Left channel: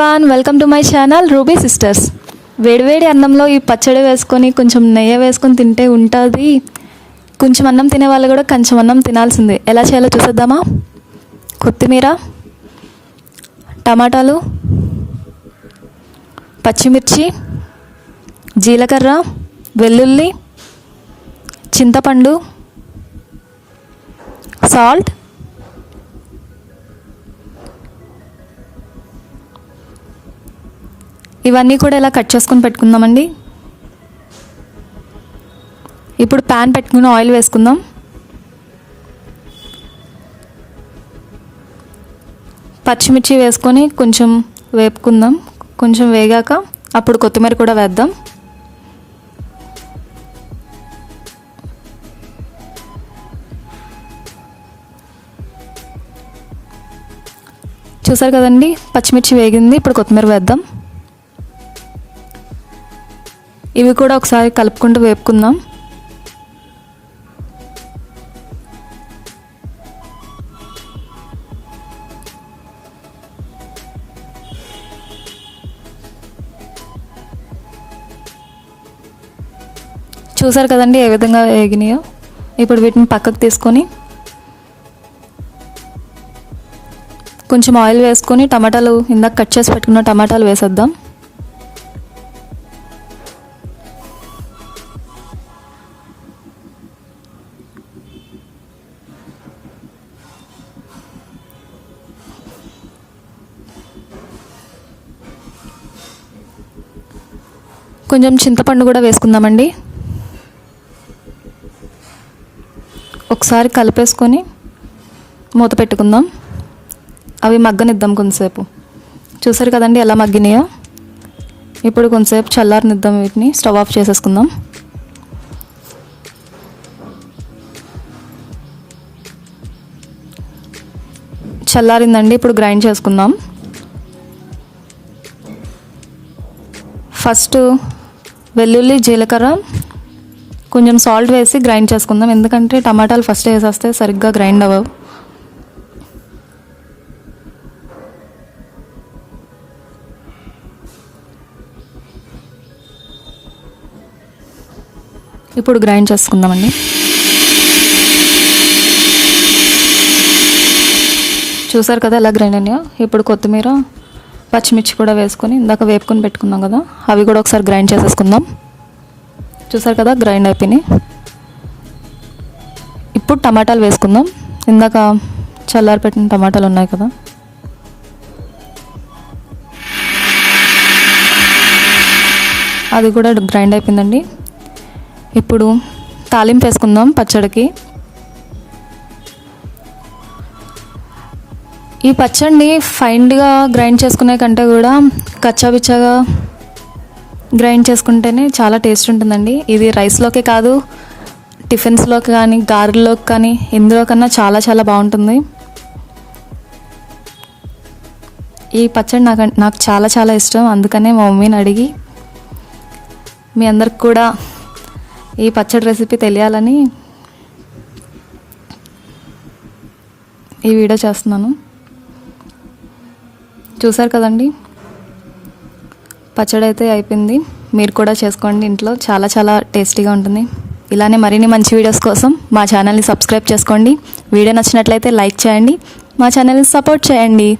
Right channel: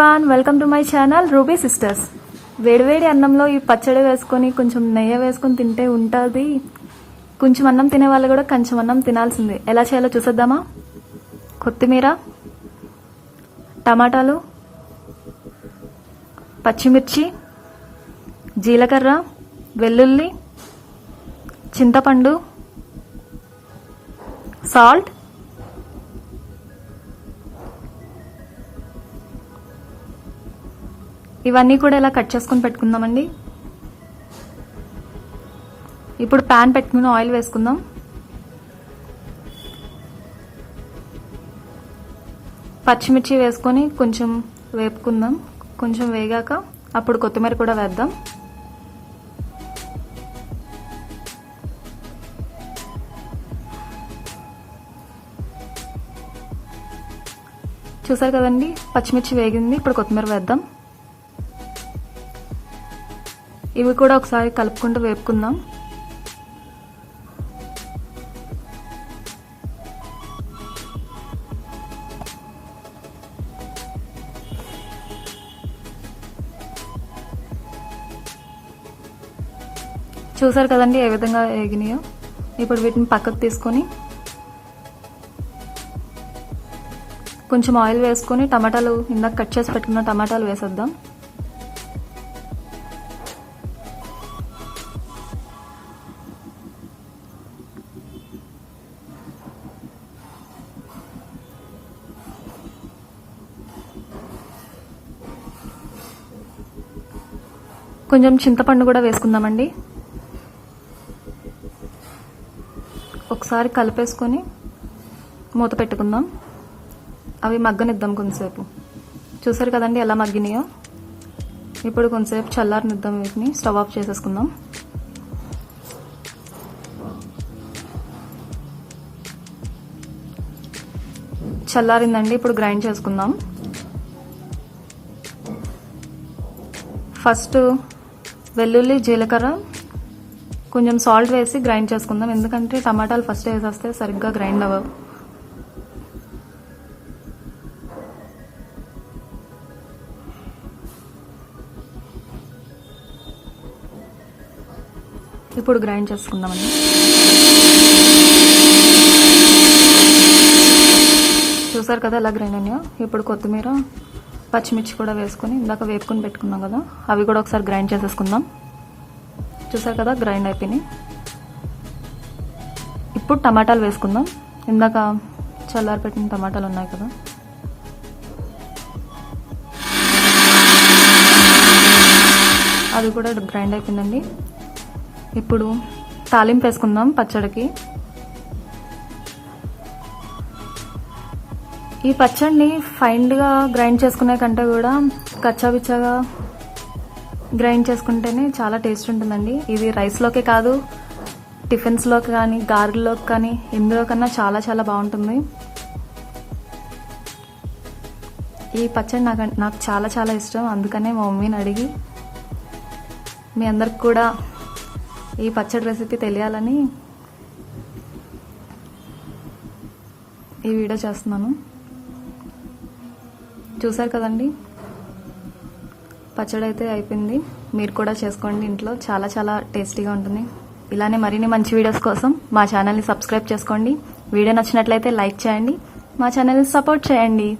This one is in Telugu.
Everyone welcome to my channel Ruby sisters వేడివేడి అన్నంలో ఈ పచ్చడి వేసుకొని కొంచెం నెయ్యి వేసుకొని తింటే ఉంటుంది. కొంచెం అన్నం తినే వాళ్ళు కూడా కొంచెం అన్నం తినాల్సిందే. ఎలా చేయాలో చూసేద్దామా? కొత్తిమీర టమాటాలు పచ్చిమిర్చి జీలకర్ర వెల్లుల్లి చింతపండు సాల్ట్ ఇవన్నీ కూడా ఇలా కట్ చేసుకుని పెట్టుకుందామండి. ఇప్పుడు ప్యాన్ పెట్టుకుని ఆయిల్ వేసుకుందాం. పచ్చిమిర్చి వేసుకొని కొంచెం వేపుకుందాం. కొంచెం వేగాక అప్పుడు కొత్తిమీర కూడా వేద్దాం. చూసారు కదండి? పచ్చిమిర్చి వేగింది ఇప్పుడు కొత్తిమీర వేద్దాం. ఇవి కూడా ఒకసారి కలుపుకుంటూ వేపుకుందాం. చూసారు కదండి ఏ విధంగా వేగినాయో? ఇప్పుడు వీటిని పక్కకు తీసుకొని కొంచెం ఆయిల్ వేసుకొని టమాటాలు ఇందాక కట్ చేసి పెట్టుకున్న టమాటాలు వేసేద్దాం. కొంచెం చింతపండు కూడా వేసుకుందామండి. ఒకసారి కలిపేసుకొని మూత పెట్టుకుందాం. అవి మగ్గనిద్దాం కొంతసేపు. చూసారు కదండి ఎలా మగ్గినాయో? ఇప్పుడు కొంతసేపు చల్లారనిద్దాం వీటిని. స్టవ్ ఆఫ్ చేసేసుకుందాం. చల్లారిందండి. ఇప్పుడు గ్రైండ్ చేసుకుందాం. ఫస్ట్ వెల్లుల్లి జీలకర్ర కొంచెం సాల్ట్ వేసి గ్రైండ్ చేసుకుందాం. ఎందుకంటే టమాటాలు ఫస్ట్ వేసేస్తే సరిగ్గా గ్రైండ్ అవ్వవు. ఇప్పుడు గ్రైండ్ చేసుకుందామండి. చూసారు కదా ఎలా గ్రైండ్ అయినాయో? ఇప్పుడు కొత్తిమీర పచ్చిమిర్చి కూడా వేసుకొని ఇందాక వేపుకొని పెట్టుకున్నాం కదా అవి కూడా ఒకసారి గ్రైండ్ చేసేసుకుందాం. చూసారు కదా గ్రైండ్ అయిపోయినాయి. ఇప్పుడు టమాటాలు వేసుకుందాం. ఇందాక చల్లారి పెట్టిన టమాటాలు ఉన్నాయి కదా. అది కూడా గ్రైండ్ అయిపోయిందండి. ఇప్పుడు తాలింపు వేసుకుందాం పచ్చడికి. ఈ పచ్చడిని ఫైన్గా గ్రైండ్ చేసుకునే కంటే కూడా కచ్చాబిచ్చగా గ్రైండ్ చేసుకుంటేనే చాలా టేస్ట్ ఉంటుందండి. ఇది రైస్లోకే కాదు టిఫిన్స్లోకి కానీ గారెల్లోకి కానీ ఇందులో కన్నా చాలా చాలా బాగుంటుంది. ఈ పచ్చడి నాకు నాకు చాలా చాలా ఇష్టం. అందుకనే మా మమ్మీని అడిగి మీ అందరికి కూడా ఈ పచ్చడి రెసిపీ తెలియాలని ఈ వీడియో చేస్తున్నాను. చూసారు కదండి? పచ్చడి అయితే అయిపోయింది. మీరు కూడా చేసుకోండి ఇంట్లో. చాలా చాలా టేస్టీగా ఉంటుంది. ఇలానే మరిన్ని మంచి వీడియోస్ కోసం మా ఛానల్ని సబ్స్క్రైబ్ చేసుకోండి. వీడియో నచ్చినట్లయితే లైక్ చేయండి. మా ఛానల్ని సపోర్ట్ చేయండి.